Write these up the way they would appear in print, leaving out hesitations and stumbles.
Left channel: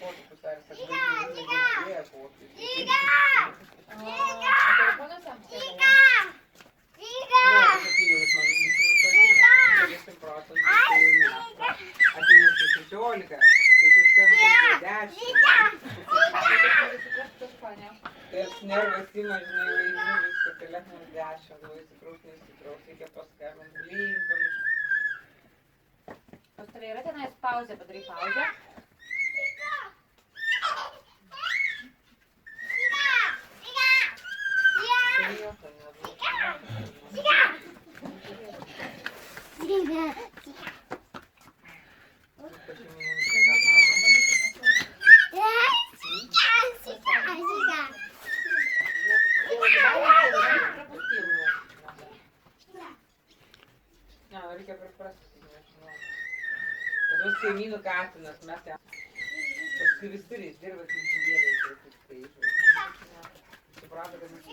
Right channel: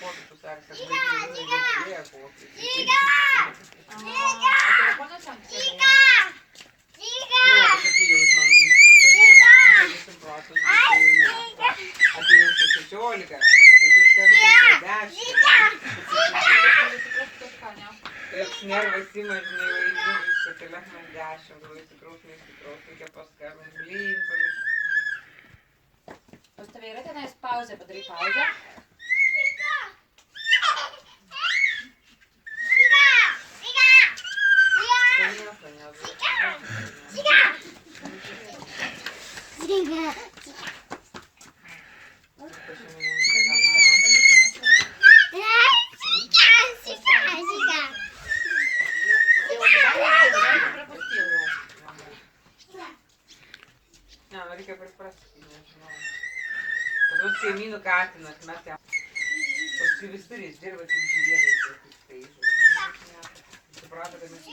potupus ar kad vaikai negirdėjo kokį. Telefonas jam kėlė. Kažkokie jausmai, visi procentų, apie jūsų 16, tai suskambėjo 10. Ir nervas ima, žinai, vaidžiulis, kad telefonas 10, labai įsitrauks, reikia paskambinti, blyn, pamiršti. Pas tave yra tenais pauzė, padarai pauzę. Reikia priprasti, nežinau. Pas kaimynų katinas, mes jam. Paskui visur jis dirba kaip žvėriai, kaip skaičiu. Suprato, kad mes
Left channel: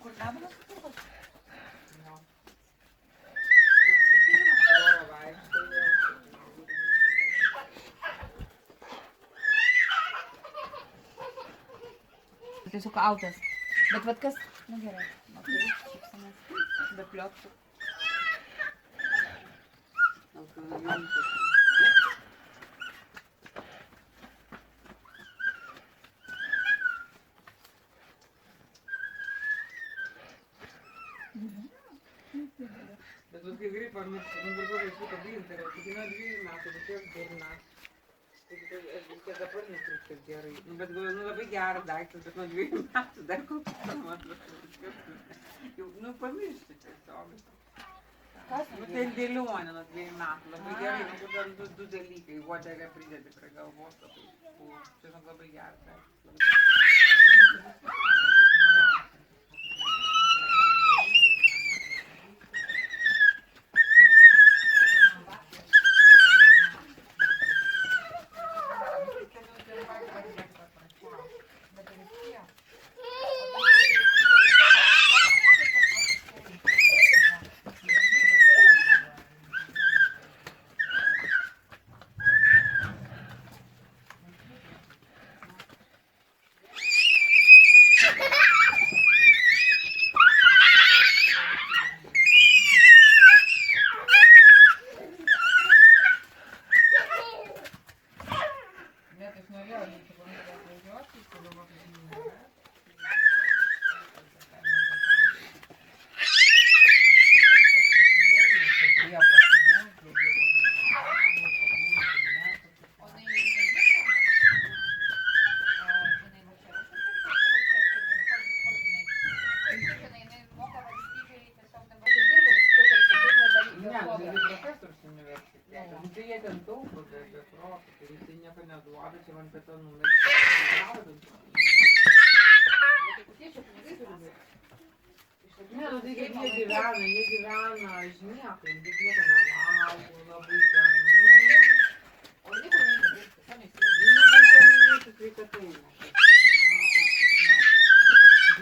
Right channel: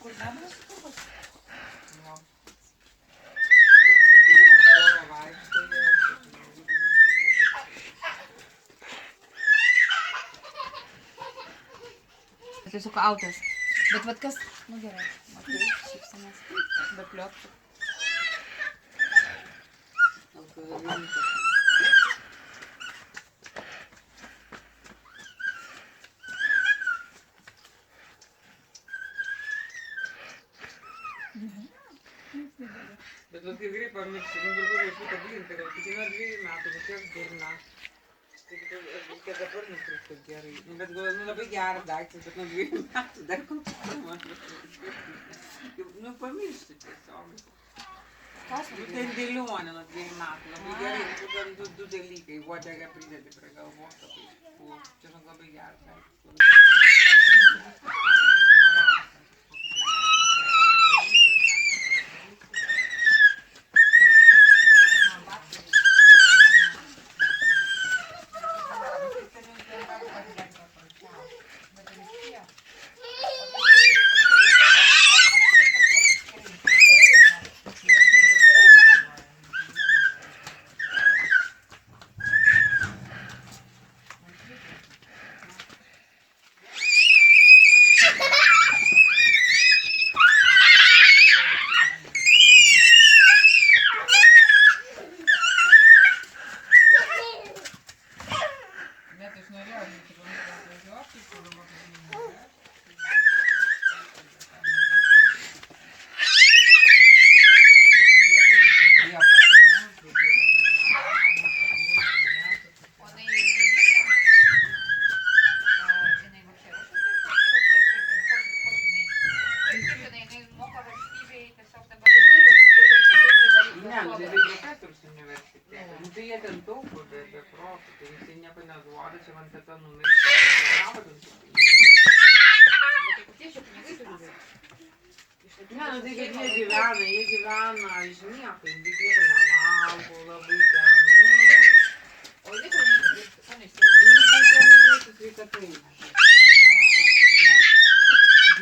Kur dabaras sukurvas? No. Tiesiog autas. Bet vat kas, nu gerai, matai, šypsanas, be plioptų. Bet vat kai greit pamiršti, nugirgau vaikutą blinką, tik nuo 2 metų, bet jos durna. Reikia dabar nutrūkti gerai. Bet labai geras daiktas, bet nuo 2 metų dar koks mažas. Nu pamiršti tiesiog. Tai dėlionė nuo 2 metų, labai gerai. Du dalykai, uodegą pridedi prie galvos. Čia labai geras daiktas. Jie gyvena iš nieko, jie nevalgo labai ten. O liko neįdirbti, ko neįsivaizduoju? Neįsivaizduoju sveikatai.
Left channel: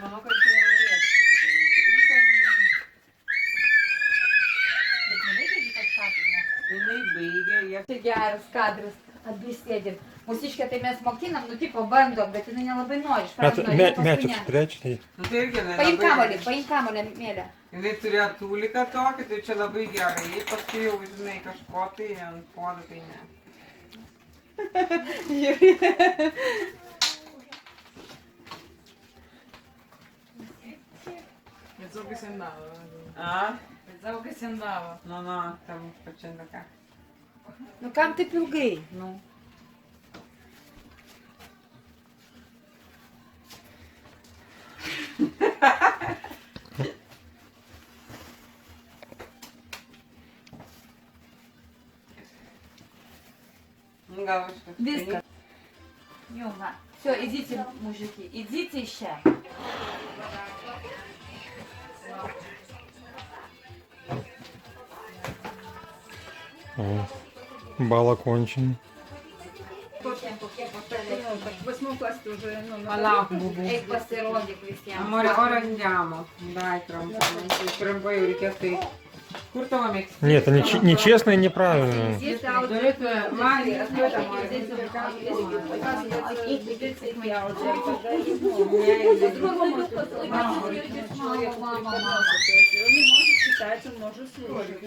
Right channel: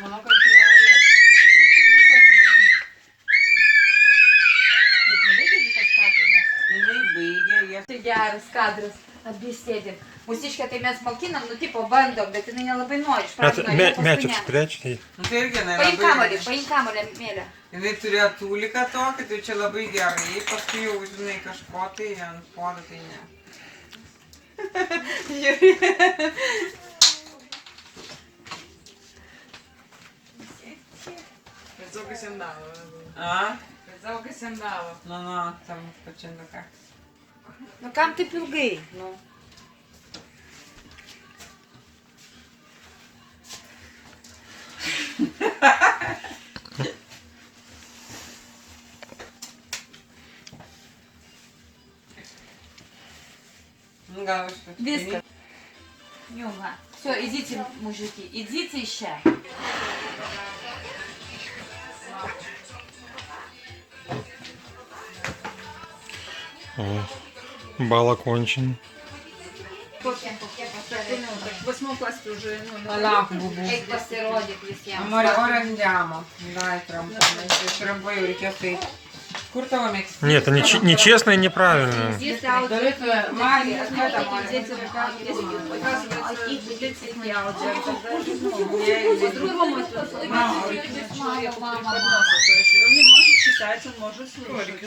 Manau, kad tai norėtų. Bet nebaigė kažką tai, nes... Jinai baigė, jie... Tai geras kadras, abi sėdim. Mūsiškę tai mes mokinam, nu tipo bandom, bet jinai nelabai nori. Mėčiuk sprečniai. Tai irgi paim kamolį, mėlę. Jinai turėjo tūliką tokį, tai čia labai gerai. Paskui jau, žinai, kažko tai ant podo, tai ne. Žiūrė. Pensavo che si andava. A? Pensavo che si andava. No, stiamo facendo cazzo. Nu kam taip ilgai? Nu. Viskas. Jau va. Все, идите, мужики, идите еще. Бал окончен. Kokie pasirodė. 8 классе уже. Palauk, bubu. Eik pasirodyk visiems. Amore, ora andiamo. Dai, trompa. Trompa jau reikės tai Куртова Мексика. Нет, это нечестно и неправильно. Здесь аудио. Мали, а кто там Мали? Дети Мама, мама, мама. То есть он не может читать, он может слушать.